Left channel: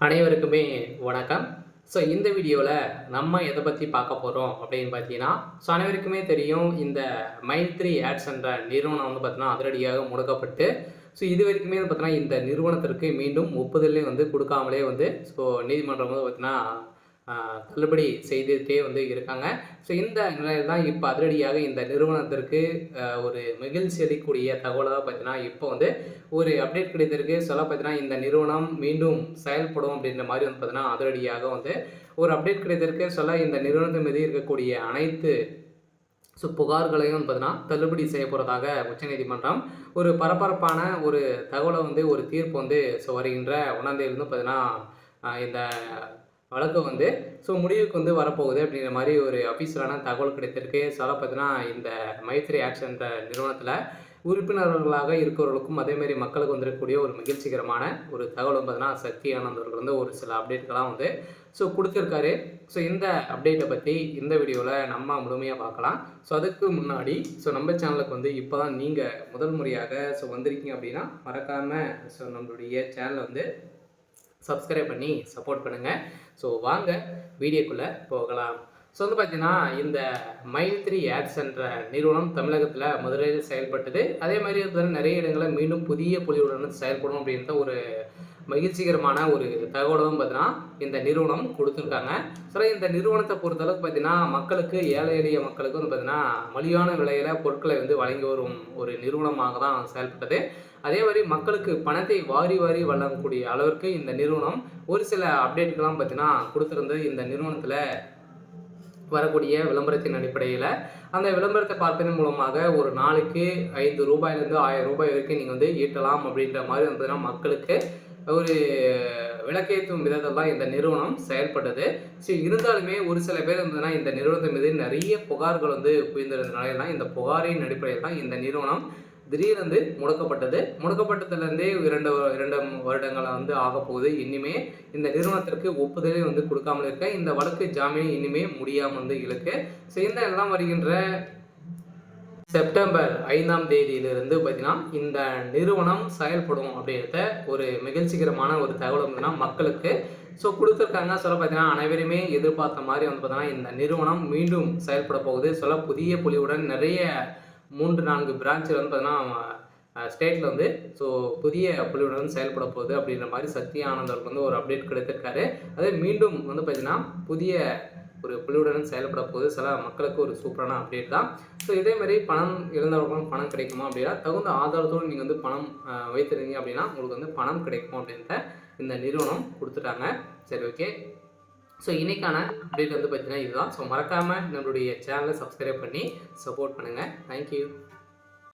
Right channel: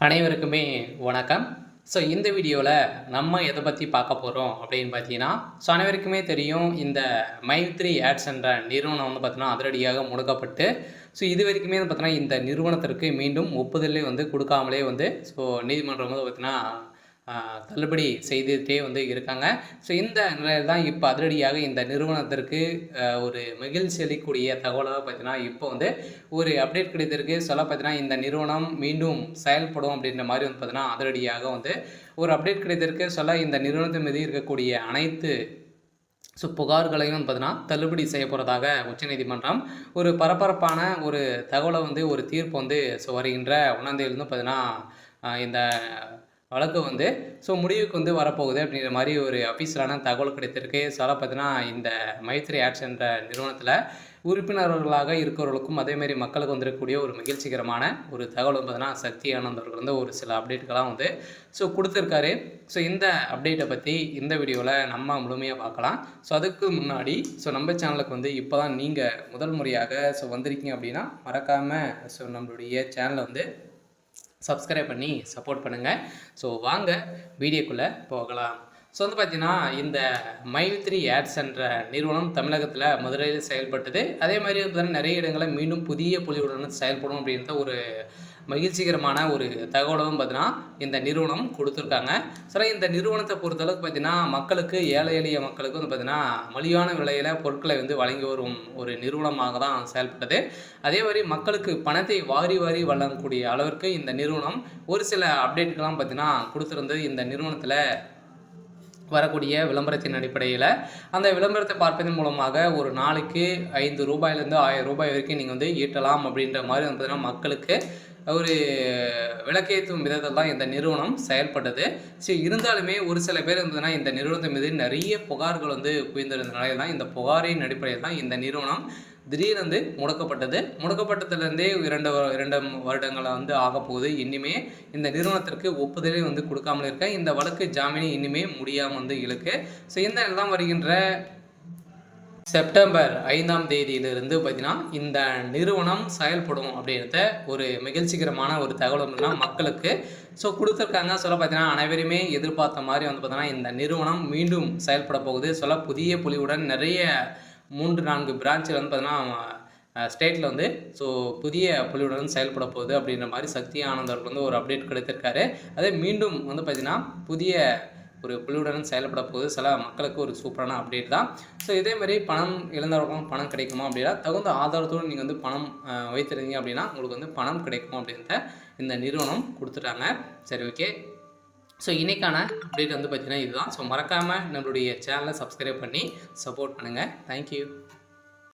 அனைவருக்குமே வணக்கம். இந்த வீடியோல நம்ம எத பத்தி பார்க்க போறோம் அப்படின்னு பார்த்தீங்கன்னா, அனைவருக்குமே தெரியும் இந்த மைத்ரி ஆட்ஸ் என்ற நிறுவனம் வந்து பார்த்தீங்கன்னா, அதிரடியாக முடக்கப்பட்டு, இதுவரைக்குமே வந்து பார்த்தீங்கன்னா, இந்த நிறுவனத்திற்கு மீண்டும் ஒப்புதலே வந்து குடுக்காமலே வந்து நீதிமன்றம் வந்து பார்த்தீங்கன்னா, அ தள்ளுபடி செய்துட்டே வந்து இருக்காங்க. இந்த நிலையில தான் இப்ப அதிரடியாக இந்த நிறுவனத்திற்கு ஒரு மகிழ்ச்சி அளிக்கக்கூடிய தகவலா பார்த்தீங்கன்னா, இப்போ வந்து ஒரு அப்டேட் கிடைத்திருக்கு. சொல்ல பார்த்தீங்கன்னா, இந்த நிறுவனம் மீண்டும் செயல்படும் அப்படின்ற மாரி வந்து பார்த்தீங்கன்னா, அதிரடியாக வந்து ஒரு அப்டேட் கிடைத்திருக்கு. இந்த நிறுவனத்தின் மீது இருக்கக்கூடிய அனைத்து புகார்களையும் வந்து பார்த்தீங்கன்னா, தள்ளுபடி செய்யப்போறதாக உச்சநீதிமன்றம் ஒரு பரபரப்பான ஒரு தகவல வந்து ஒரு தீர்ப்பு வந்து வருகின்ற 1ஆம் தேதியிலிருந்து பார்த்தீங்கன்னா, இந்த வழக்கு வந்து முடிவுக்கு வந்து வரப்போகுது அப்படிங்கிற மாரி ஒரு அஃபிஷியலான தகவல் கிடைத்திருக்கு. பார்த்தீங்கன்னா, இந்த மைத்ரி ஆட்ஸ் என்ற நிறுவனத்தில உறுப்பினர்களாக இருக்கிறவர்களுக்கும், அதேமாரி மக்களுக்கு வந்திருக்கக்கூடிய ஒரு மகிழ்ச்சிகரமான ஒரு தகவல் வந்து பார்த்தீங்கன்னா, சக்தி ஆனந்த் அவர்கள் வந்து ஒரு சில அப்டேட்கள்லாம் வந்து குடுத்திருக்காரு. இந்த அப்டேட்ட பத்தி இந்த வீடியோல நம்ம முழுமையா பார்க்கலாம். அதுக்கு முன்னாடி நம்ம சேனலுக்கு வந்து இப்ப தான் நீங்க முதல் முறையாக வந்திருக்கீங்க அப்படின்னா, மறக்காம நம்மளுடைய சேனல வந்து சப்ஸ்கிரைப் பண்ணி சப்போர்ட் பண்ணுங்க. வாங்க வீடியோக்குள்ள போகலாம். வந்து பார்த்தீங்கன்னா, இந்த மைத்ரி ஆட்ஸ் என்ற நிறுவனம் தமிழகத்தில மதுரையில செயல்பட்டது. அதே மாரி பார்த்தீங்கன்னா, நெறைய இடங்கள்ல மீண்டும் புதிய பொலிவுடன் செயல்படும் அப்படின்ற ஒரு மகிழ்ச்சிகரமான ஒரு தகவலும் பார்த்தீங்கன்னா, இந்த நிறுவனம் குடுத்துருக்காங்க. இந்த நிறுவனத்த பொறுத்தளவுக்கு பார்த்தீங்கன்னா, மக்களுக்கு ஏழை எளிய மக்களுக்கு வந்து பார்த்தீங்கன்னா, மலிவான விலையில பொருட்களை வந்து வழங்கி வரும் ஒரு நிறுவனமாக தான் செயல்பட்டது. அதே மாரி மக்களுக்கு பணத்தை வாரி வாரி வழங்கக்கூடிய அளவிற்கு இந்த நிறுவனம் ஒரு சில அப்டேட்கள்லாம் பார்த்தீங்கன்னா குடுத்திருந்தது. இந்த நிறுவனத்தில வரக்கூடிய விளம்பரத்தின் அடிப்படையில, அந்த விளம்பரத்தை பார்ப்பதன் மூலமாக ஒரு நாளைக்கு ரூ. 5லேருந்து ரூ. 1000 வரைக்கும் நீங்க வந்து ஈட்டலாம் அப்படின்ற மாரி வந்து பார்த்தீங்கன்னா, மக்களுக்கு ஒரு விளக்கேற்றும் விதத்தில தான் இந்த நிறுவனம் செயல்பட்டது. இருந்தாலுமே ஒரு சில பேர் வந்து இந்த நிறுவனத்தின் மீது நெறைய புகார்கள் வந்து குவிந்திருந்தனால தான், இந்த புகாரின் அடிப்படையில் தான் இந்த நிறுவனம் திடீரென்று முடக்கப்பட்டது. முடக்கப்பட்டதிலிருந்தே 2 வருடங்களா வந்து ஆகப்போகுது. இன்னிமே இந்த நிறுவனத்திற்கு ஒப்புதலே வந்து குடுக்காமல் இருக்க. இந்த வழக்கு ஜாமீன் இன்னிமே முடியாம வந்து இழுக்கு. இந்த எல்லாம் வருகின்ற செப்டம்பர் 5ஆம் தேதியிலிருந்து பார்த்தீங்கன்னா, இந்த நிறுவனம் செயல்படும் அப்படின்றத ஒரு மகிழ்ச்சிகரமான ஒரு தகவல் வந்துன்னா மக்களுக்கு குடுத்துருக்காங்க. பார்த்தீங்கன்னா, அனைவருமே எதிர்பார்த்த மாரி வந்து பார்த்தீங்கன்னா, இந்த நிறுவனம் மீண்டும் செயல்பட போகுது. புதிய பொலிவுடன் நெறைய 3, 4 பிரான்ச்ல வந்து பார்த்தீங்கன்னா, ஸ்டேட்ல வந்து புதிய பொலிவுடன் செயல்பட போகுது அப்படின்ற மாரி சக்தி ஆனந்த் அவர்கள் வந்து ஒரு அப்டேட் கிடைத்திருக்காரு. அதே மீண்டும் வந்து பார்த்தீங்கன்னா, புதிய ஒரு புலியுடன் செயல்பட போகுது. மக்களுக்கு ஒரு சூப்பரான அப்டேட் தான். இதே மாரி பணம் இழந்தவர்களுக்கும் பணம் கிடைக்குமா அப்படின்னா, தகுந்த ஆதாரத்தோடு நீங்க வந்து பணம் வைத்திருந்தீங்க அப்படின்னா, உங்களுக்கு வந்து பணம் கிடைக்கும் அப்படின்றத இந்த நிறுவனம் குடுத்துட்டாங்க. சரி, ஓகே. இன்னைக்கான அப்டேட் வந்து பார்த்தீங்கன்னா இதுதான். மறக்காம நம்மளுடைய சேனல சப்ஸ்கிரைப் பண்ணி சப்போர்ட் பண்ணுங்க. Thank you.